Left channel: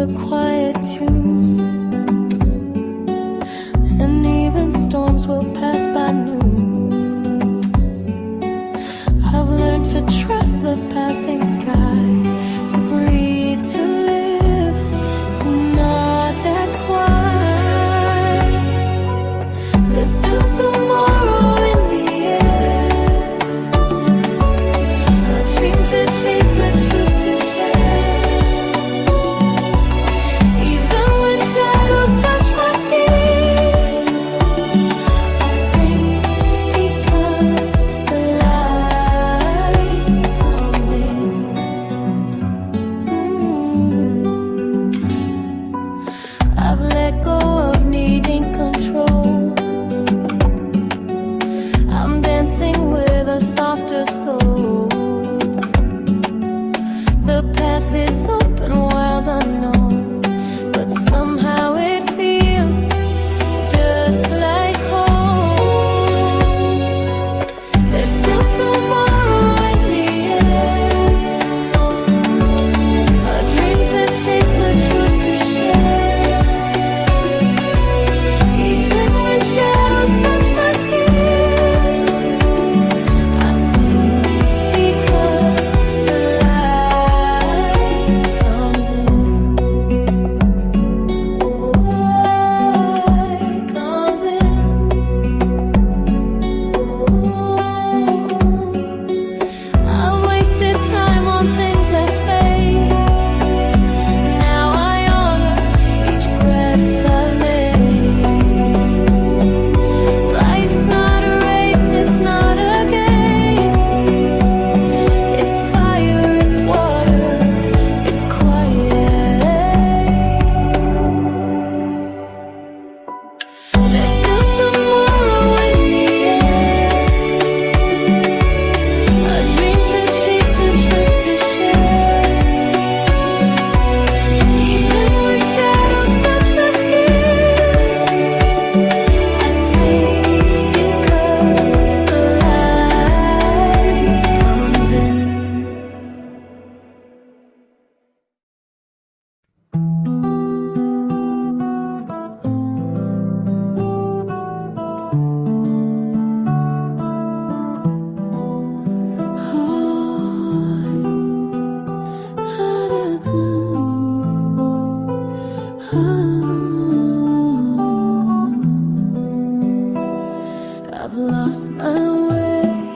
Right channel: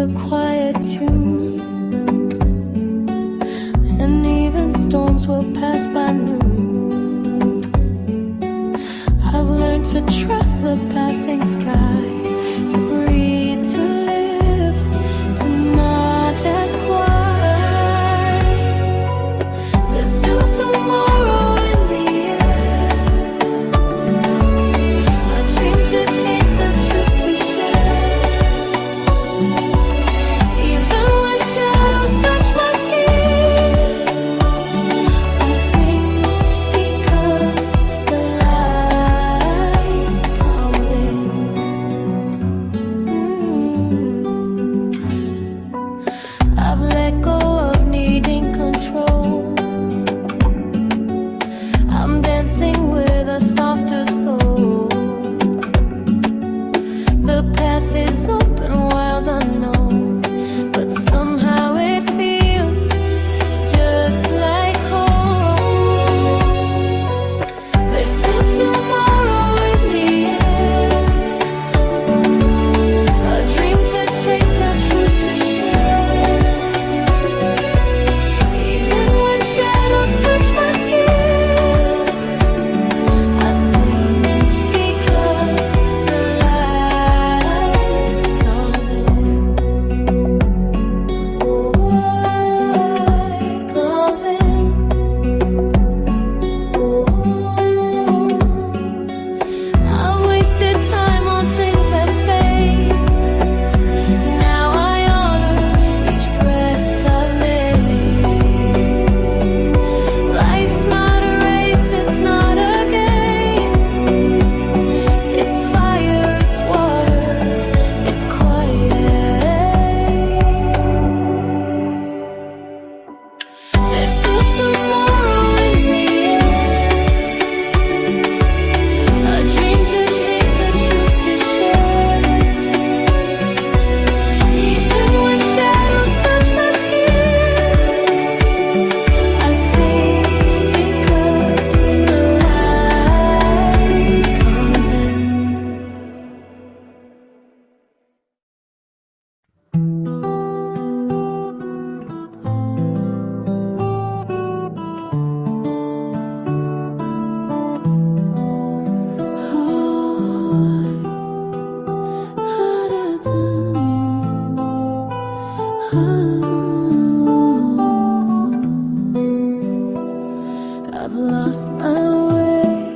a quiet tune, and even storms will pass by noon. I've learned to trust the passing sky, to breathe, to live, to not ask why. There's still tomorrow in the air, a dream to chase, a truth to share. With a softer soul, the path is open, wild, unknown, but somehow it feels just like home. There's still tomorrow in the air, a dream to chase, a truth to share. Even when shadows touch my skin, time on things that fade. Now I honor each breath I've made. Life's not a race, it's not a game. It's fire, it's water, it's quiet. There's still tomorrow in the air, a dream to chase, a truth to share. Even when shadows touch my skin, I sing because the light comes in. I've lost my way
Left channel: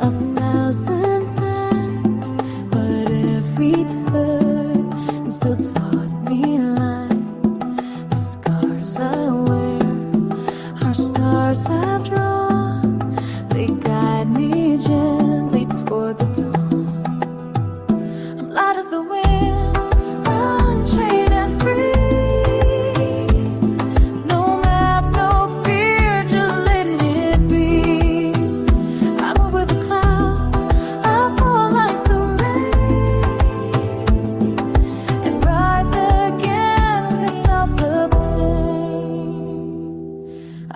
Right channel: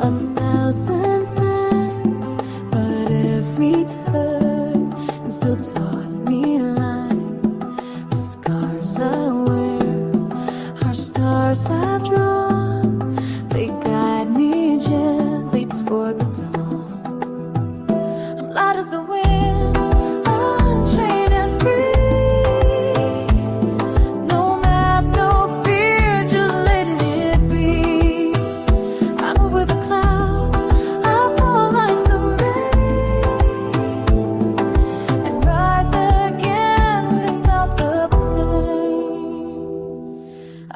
1,000 times, but every turn still taught me life. The scars I wear are stars I've drawn, they guide me gently toward the dawn. I'm light as the wind, unchained and free.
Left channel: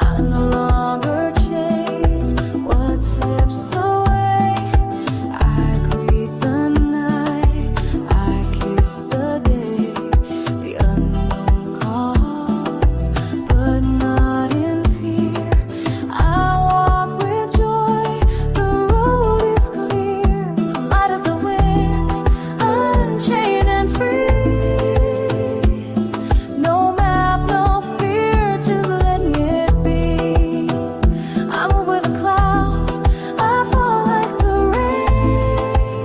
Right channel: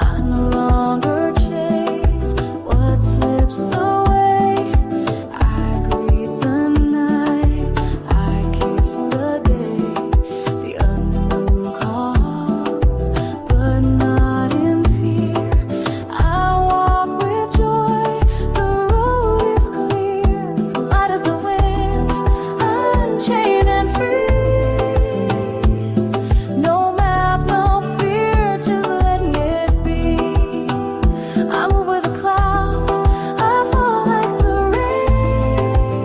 I no longer chase what slips away. I greet the night, I kiss the day. The unknown calls, but not in fear. I walk with joy, the road is clear. I'm light as the wind, unchained and free. No map, no fear, just letting it be. I move with the clouds, I fall like the rain,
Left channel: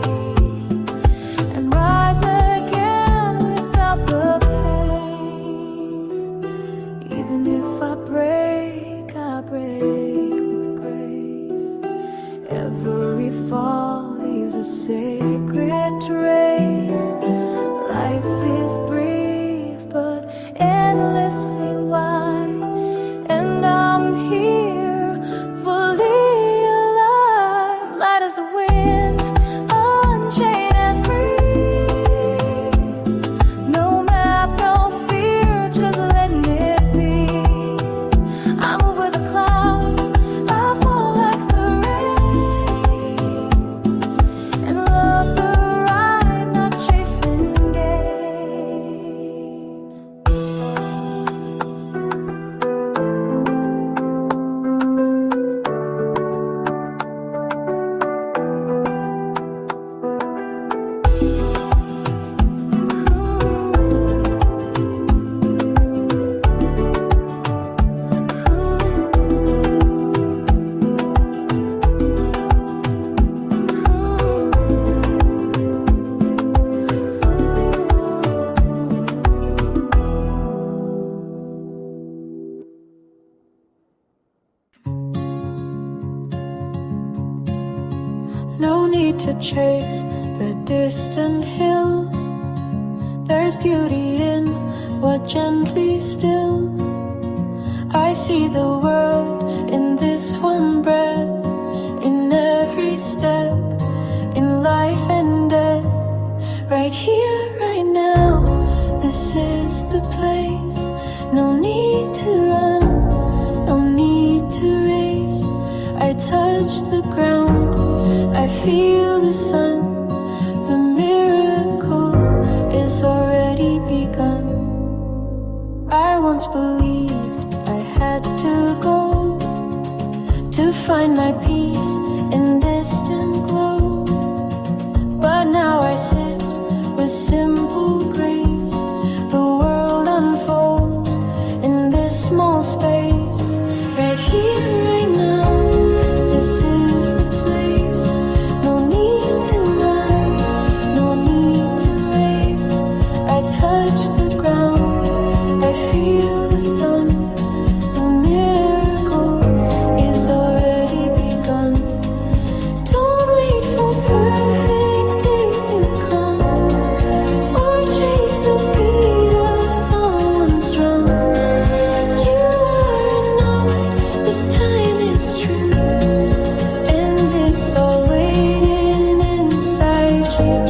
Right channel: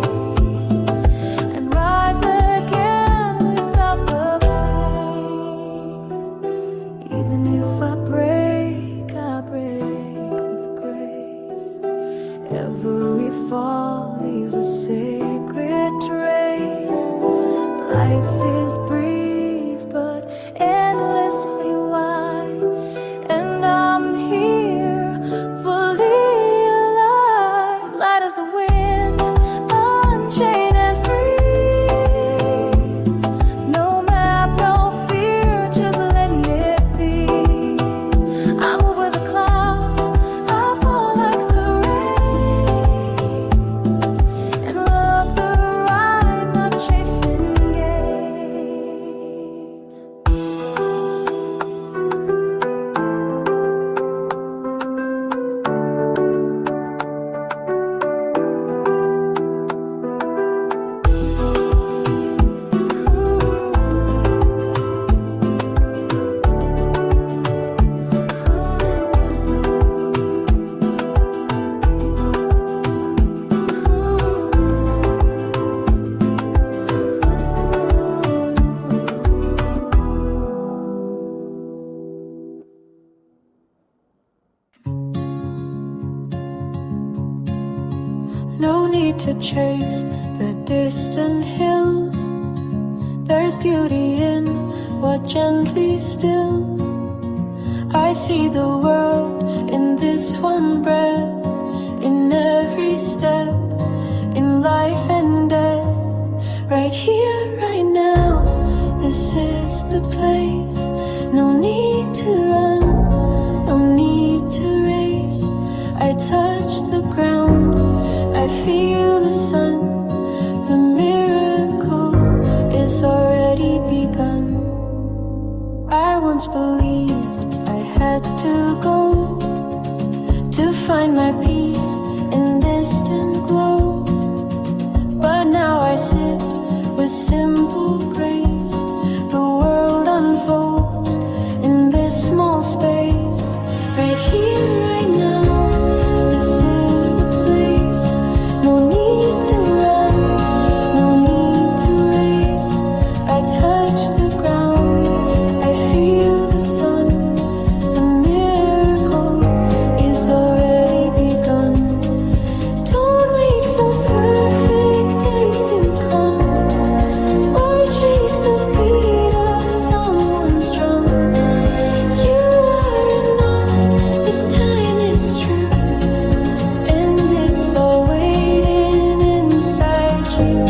and rise again without the pain. Even if I break with grace. Every fall leaves a sacred trace. Life is brief but endlessly wide, and I'm here fully alive. Light as the wind, unchained and free. No map, no fear, just letting it be. I move with the clouds, I fall like the rain, and love the ride, not chasing gain. No need to chase the distant hills. There's beauty in what gently stills. I see the world in this one breath, in every step, in life and death. Right here, right now, this is the place. No need to run, no need to race. I touch the ground, I feel the sun. The miracle is already begun. I once believed I had to go to find my peace in distant glow, but now I sit with simple grace. The world unfolds in this small space. Right here, right now, this is the place. No need to run, no need to race. I touch the ground, I feel the sun. The miracle is already begun. Don't wait for perfect days to come, or chase the beat of someone's drum. You are enough, this time is true, and it's all waiting inside you.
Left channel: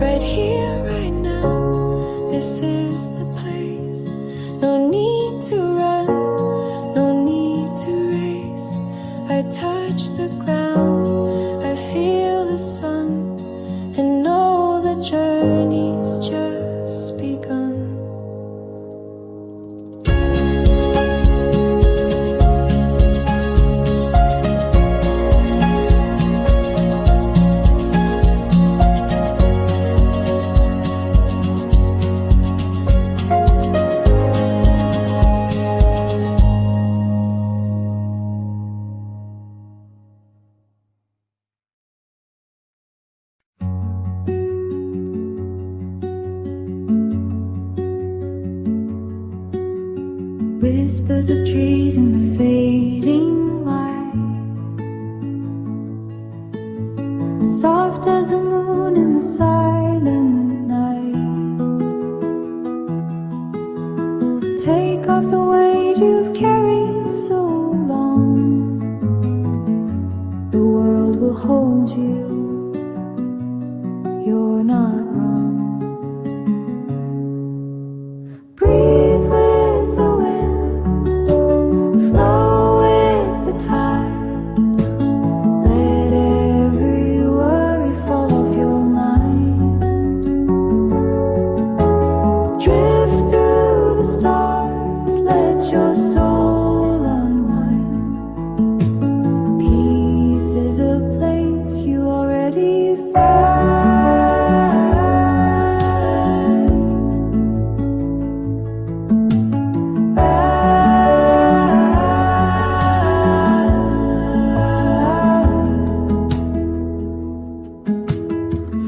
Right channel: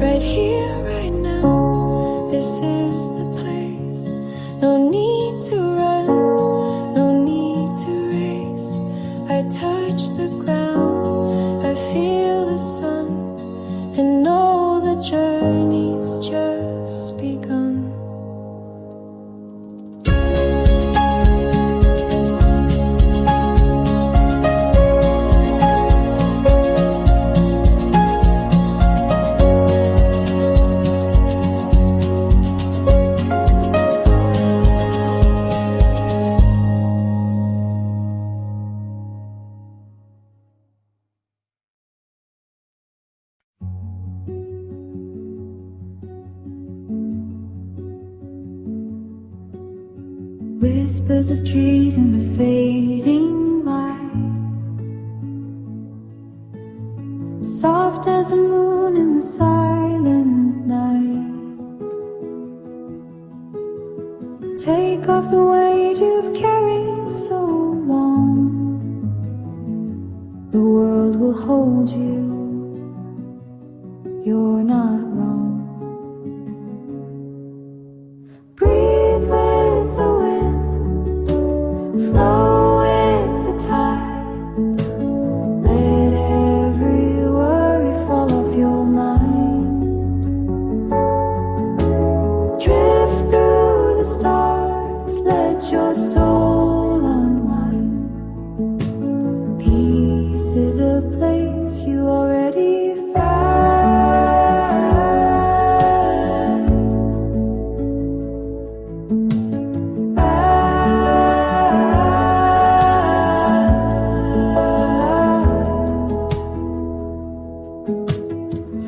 Right here, right now, this is the place. No need to run, no need to race. I touch the ground, I feel the sun, and know the journey's just begun. Whispers of trees in the fading light, soft as the moon in the silent night. Take off the weight you've carried so long. The world will hold you, you're not wrong. Breathe with the wind, flow with the tide. Let every worry fall off your mind. Drift through the stars, let your soul unwind. Peace is a place you already find.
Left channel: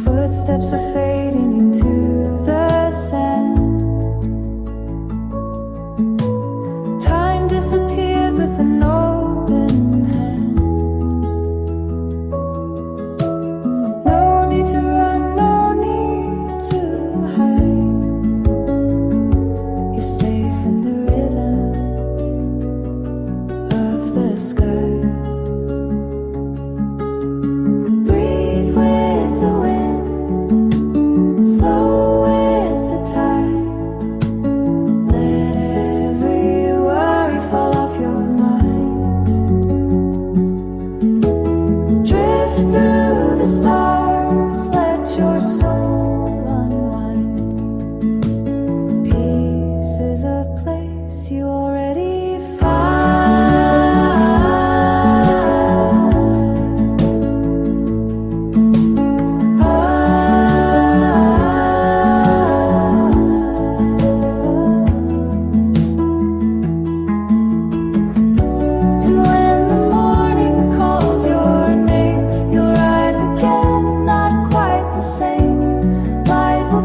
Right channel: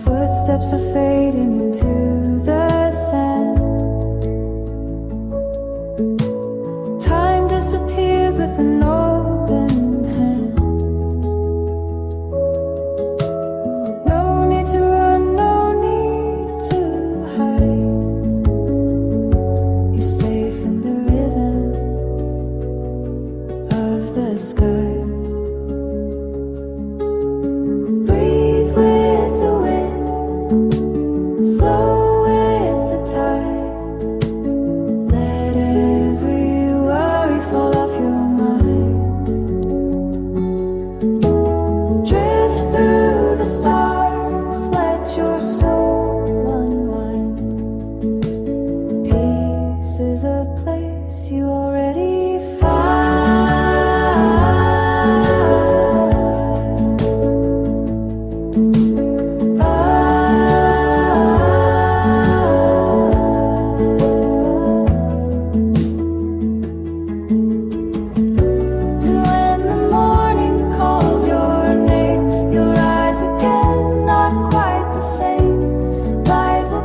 Footsteps are fading into the sand. Time disappears with an open hand. No need to run, no need to hide. You're safe in the rhythm of the sky. Breathe with the wind, flow with the tide. Let every worry fall off your mind. Drift through the stars, let your soul unwind. Peace is a place you already find.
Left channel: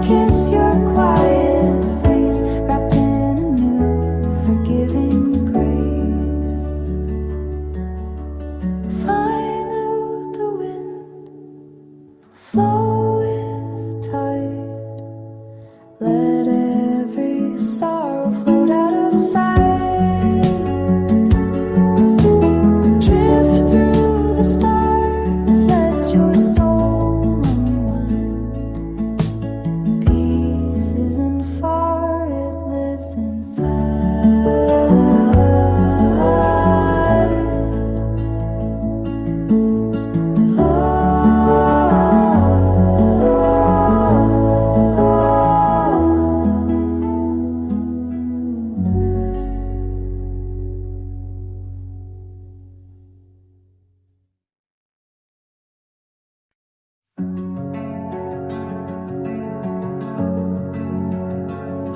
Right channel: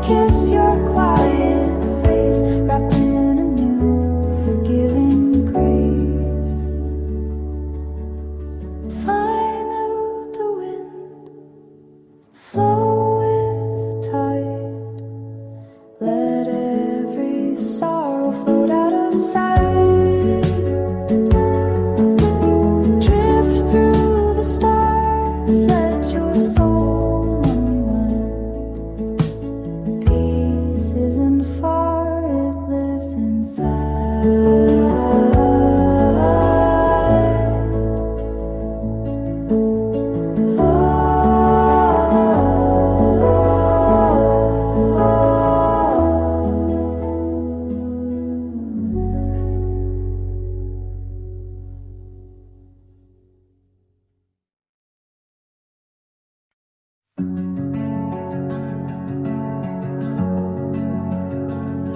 Kiss your quiet face, wrapped in a new forgiving grace. sorrow float out of sight. Drift through the stars, let your soul unwind. Peace isn't far, it lives inside.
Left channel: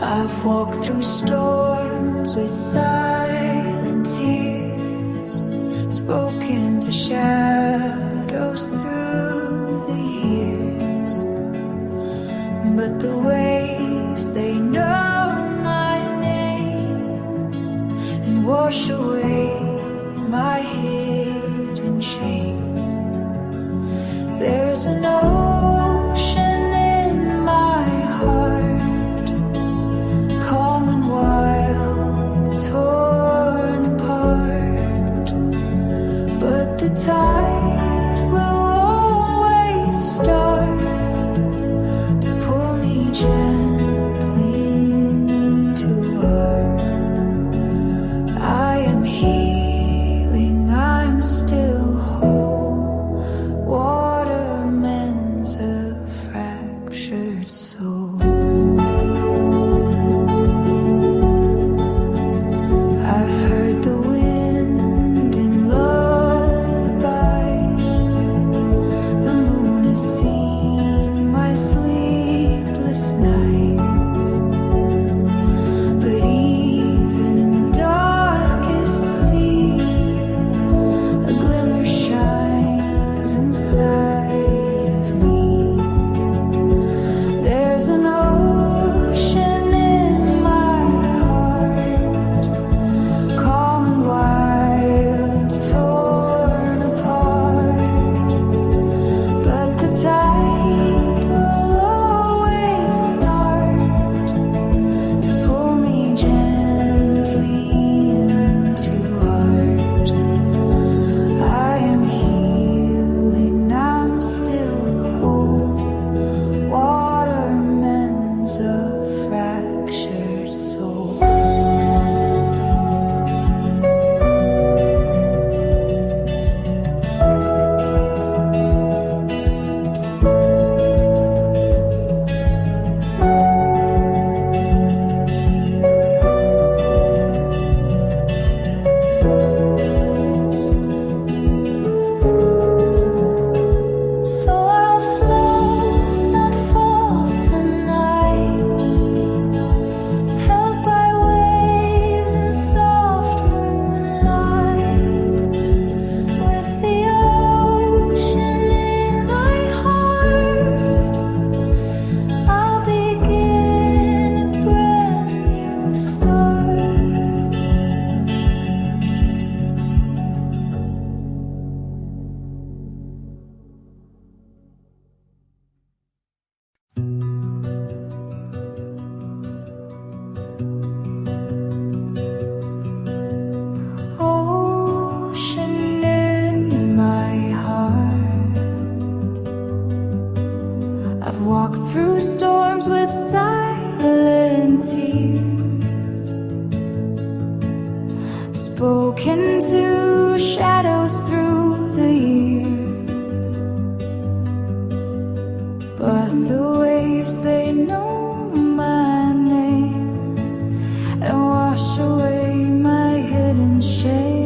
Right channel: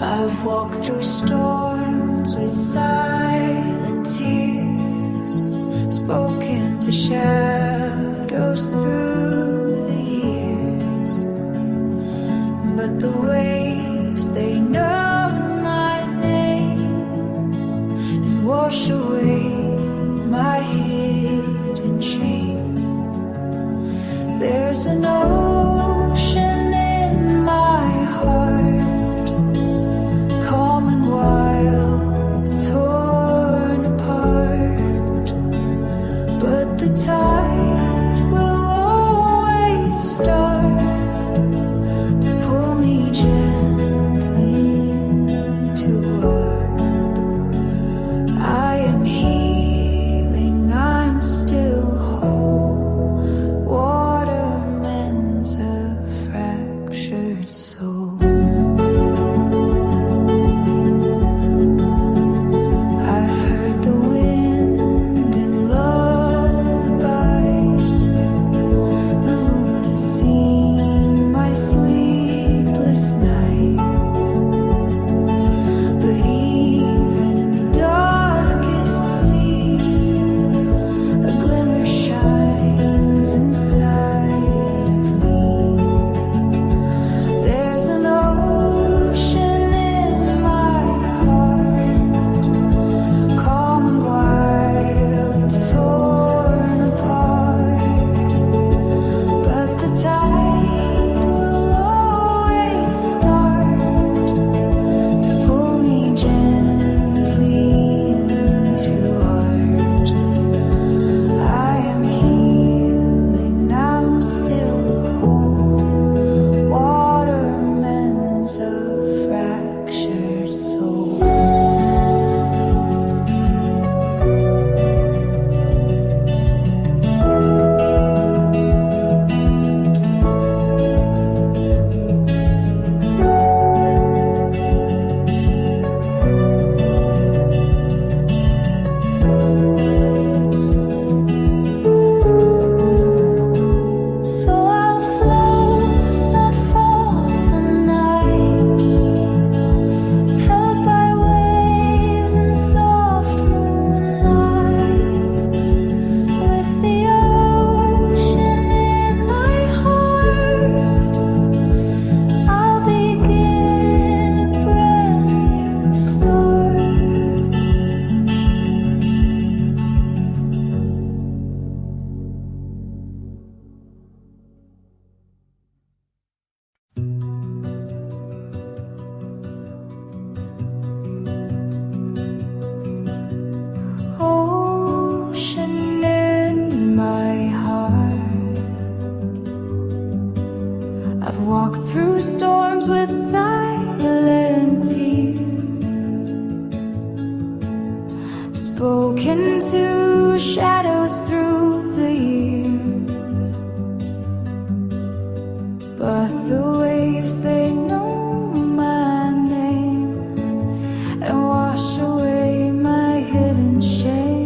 I've walked through storms with silent tears, spoken to shadows through the years. But the waves, they know my name and wash away my hidden shame. There's an ocean in my heart, calm and wild, torn apart. But the tide will always start to pull me gently into art. I am healing, I'm still whole. Water mends a fractured soul. I've heard the wind in lullabies. The moon has seen my sleepless nights. But even in the darkest sea, a glimmer shines inside of me. There's an ocean in my heart, calm and wild, torn apart. But the tide will always start to pull me gently into art. I am healing, I'm still whole. Water mends a fractured soul. So I'll float, not fall tonight, held by waves in soft moonlight, with the ocean in my heart. I'll begin a brand new start. Ocean in my heart, I've walked through storms with silent tears, spoken to shadows through the years. But the waves, they know my name and wash away my hidden shame.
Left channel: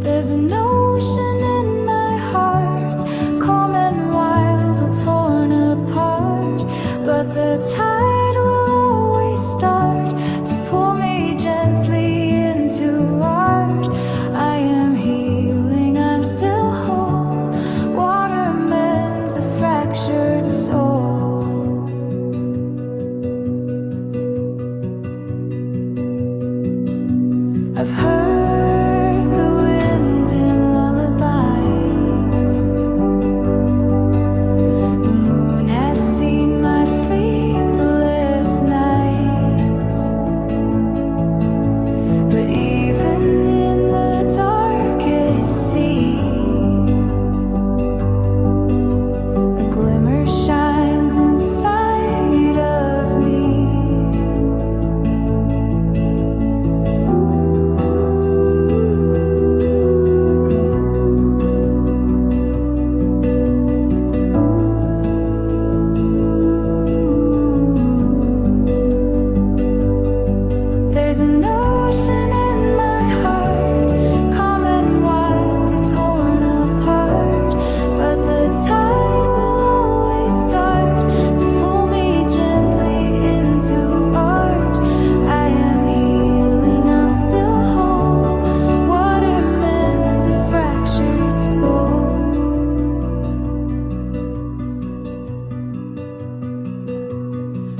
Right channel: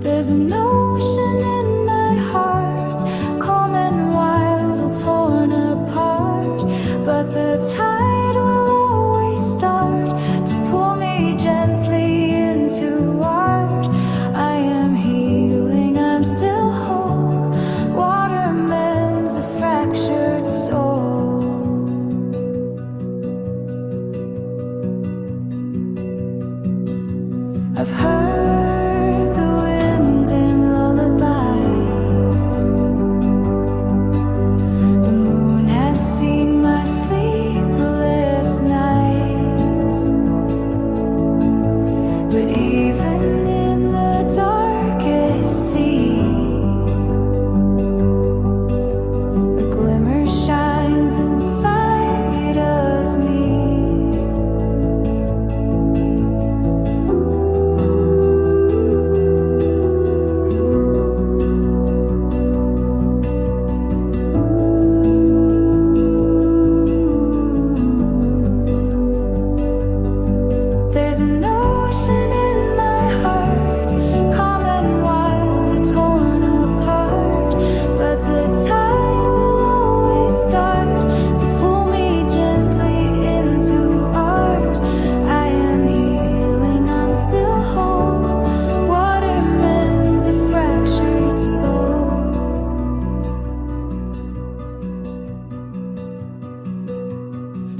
There's an ocean in my heart, calm and wild, all torn apart. But the tide will always start to pull me gently into art. I am healing, I'm still whole. Water mends a fractured soul. I've heard the wind in lullabies. The moon has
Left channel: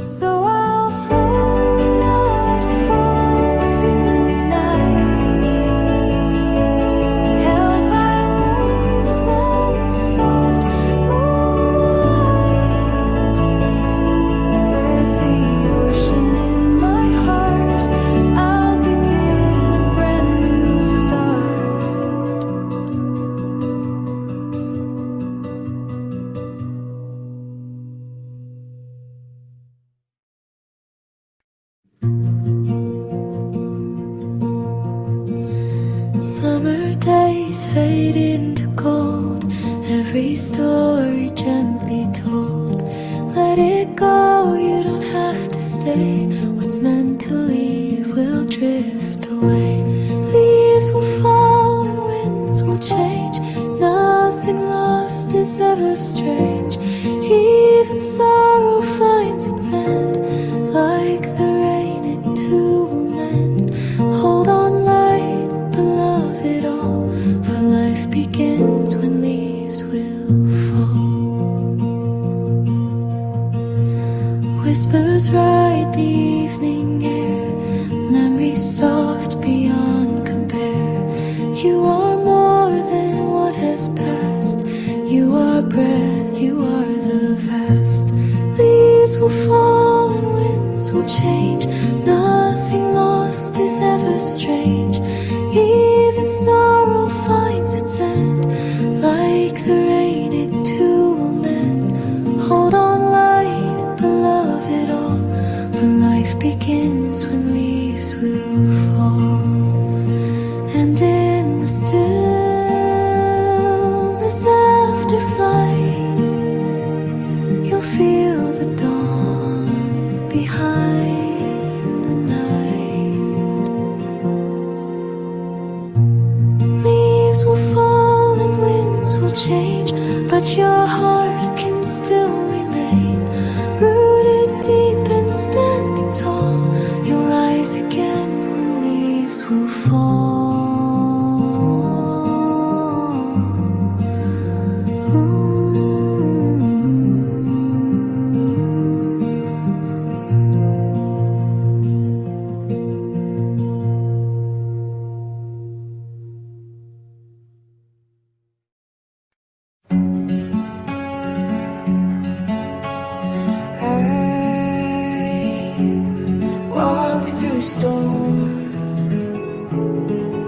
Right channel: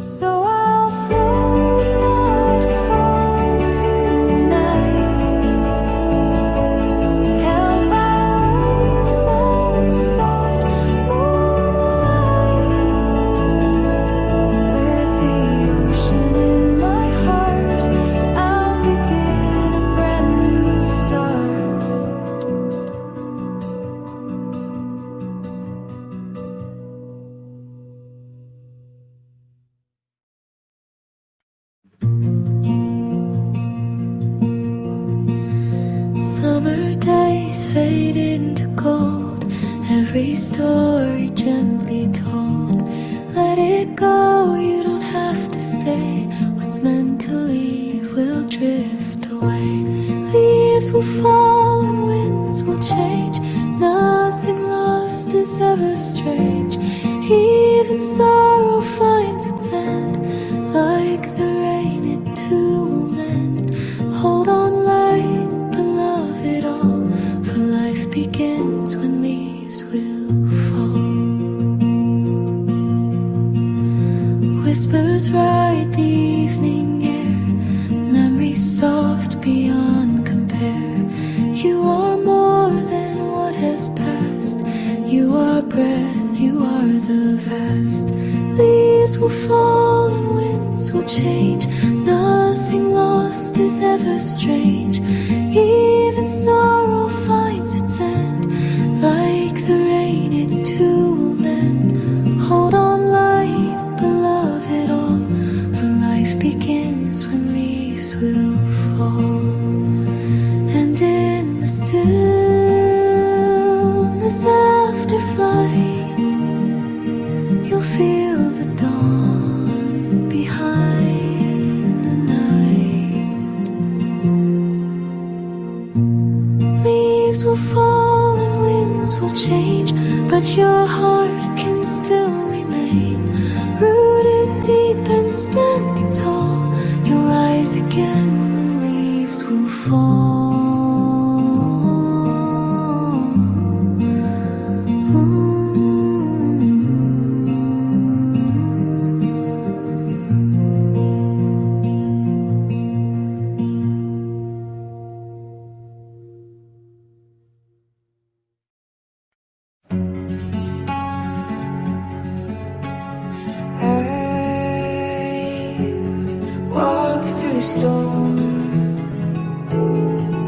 So I'll float, not fall tonight, held by waves and soft moonlight. With the ocean in my heart, I'll begin a brand new start. Summer days fade into gold, every story gently told. Let it go, you don't have to stay. What's meant to leave will drift away. Leaves will fall and winds will change. Nothing lost is ever strange. Even sorrow finds its end. Like the rain, it too will mend. Hold on, light, beloved all, for life begins when leaves will fall. Whispers ride the evening air, memories soft beyond compare. You are more than what has passed. You are breath, you are the vast. Leaves will fall and winds will change. Nothing lost is ever strange. Even sorrow finds its end. Like the rain, it too will mend. Hold on, light, beloved all, for life begins when leaves will fall. And in the stillness after flight, you'll feel the dawn behind the night. Leaves will fall and winds will change, but your heart can still remain. Rooted deep and standing tall, you'll rise again when leaves will fall. Walked through storms,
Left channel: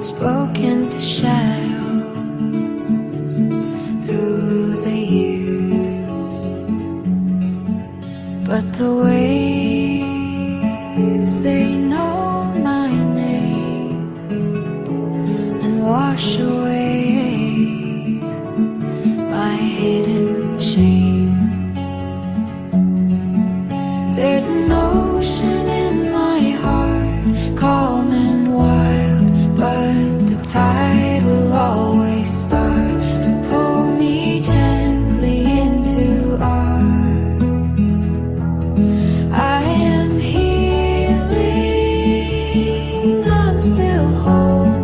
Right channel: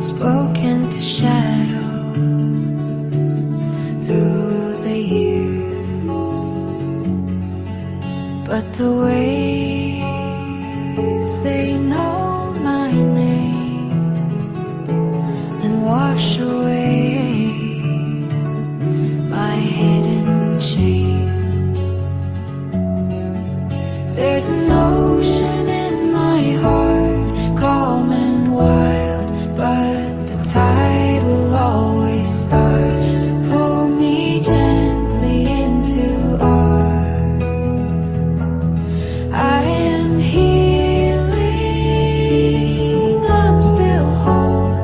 spoken to shadows through the years, but the waves, they know my name and wash away my hidden shame. There's an ocean in my heart, calm and wild, but the tide will always start to pull me gently into art. I am healing, I'm still whole.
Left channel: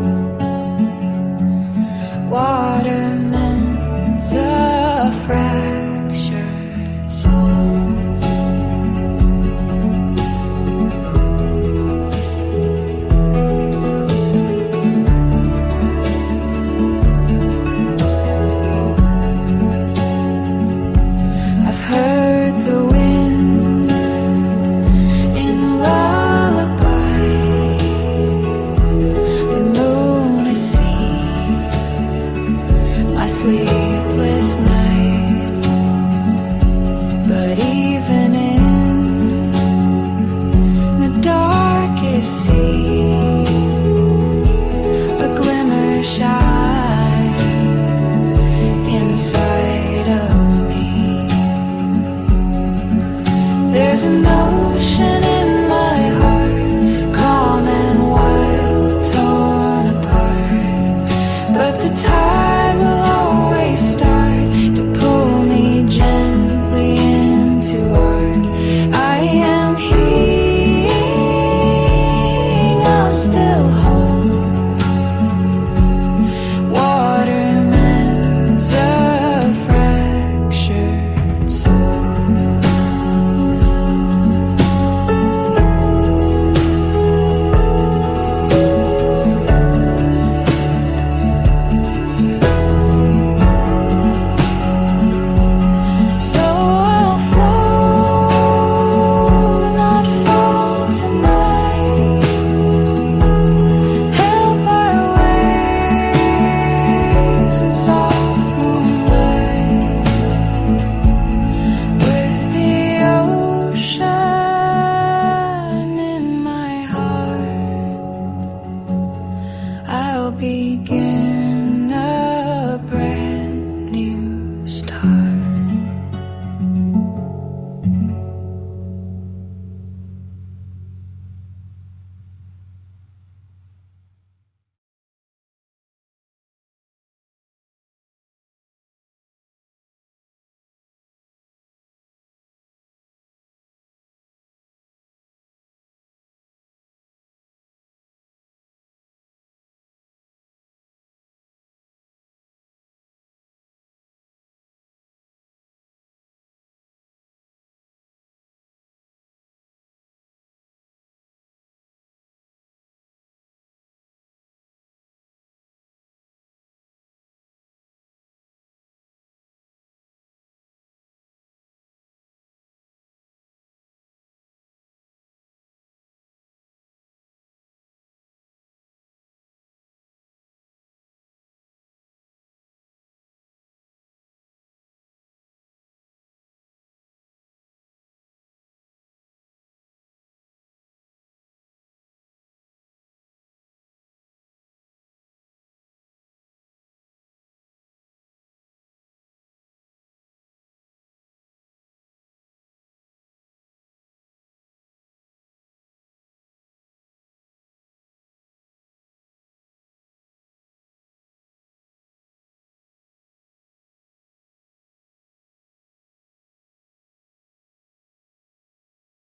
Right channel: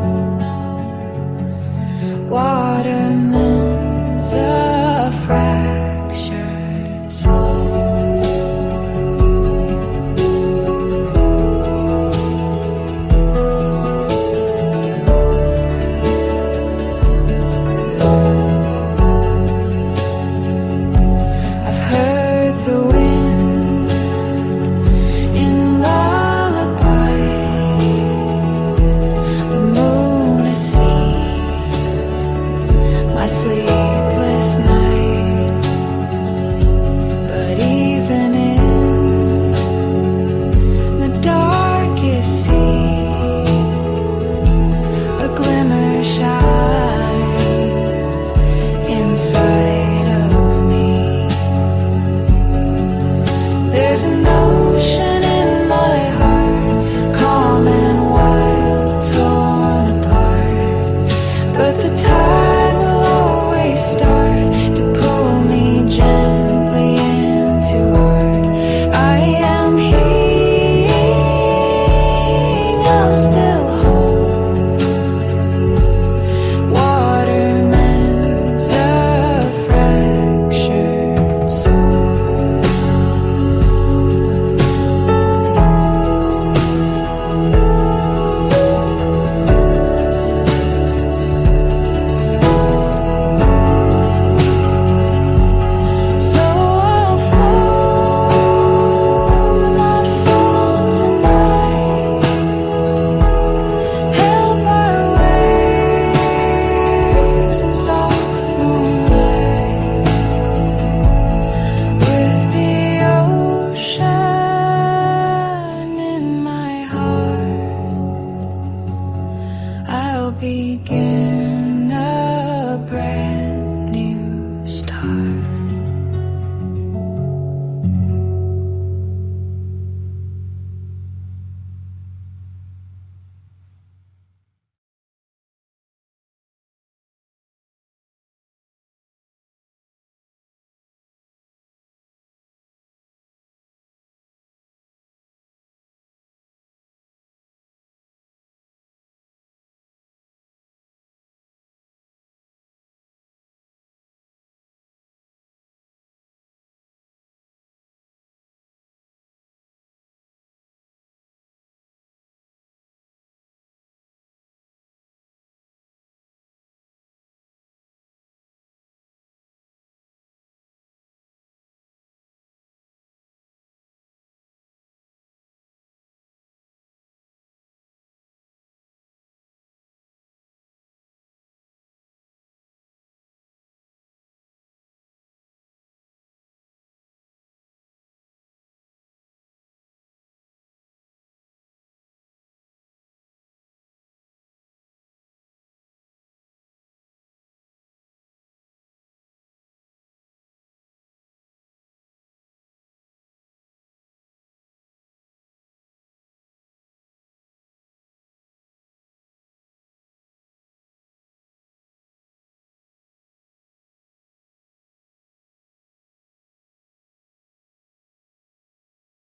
Water mends a fractured soul. My sleepless nights, but even in the darkest sea, a glimmer shines inside of me. There's an ocean in my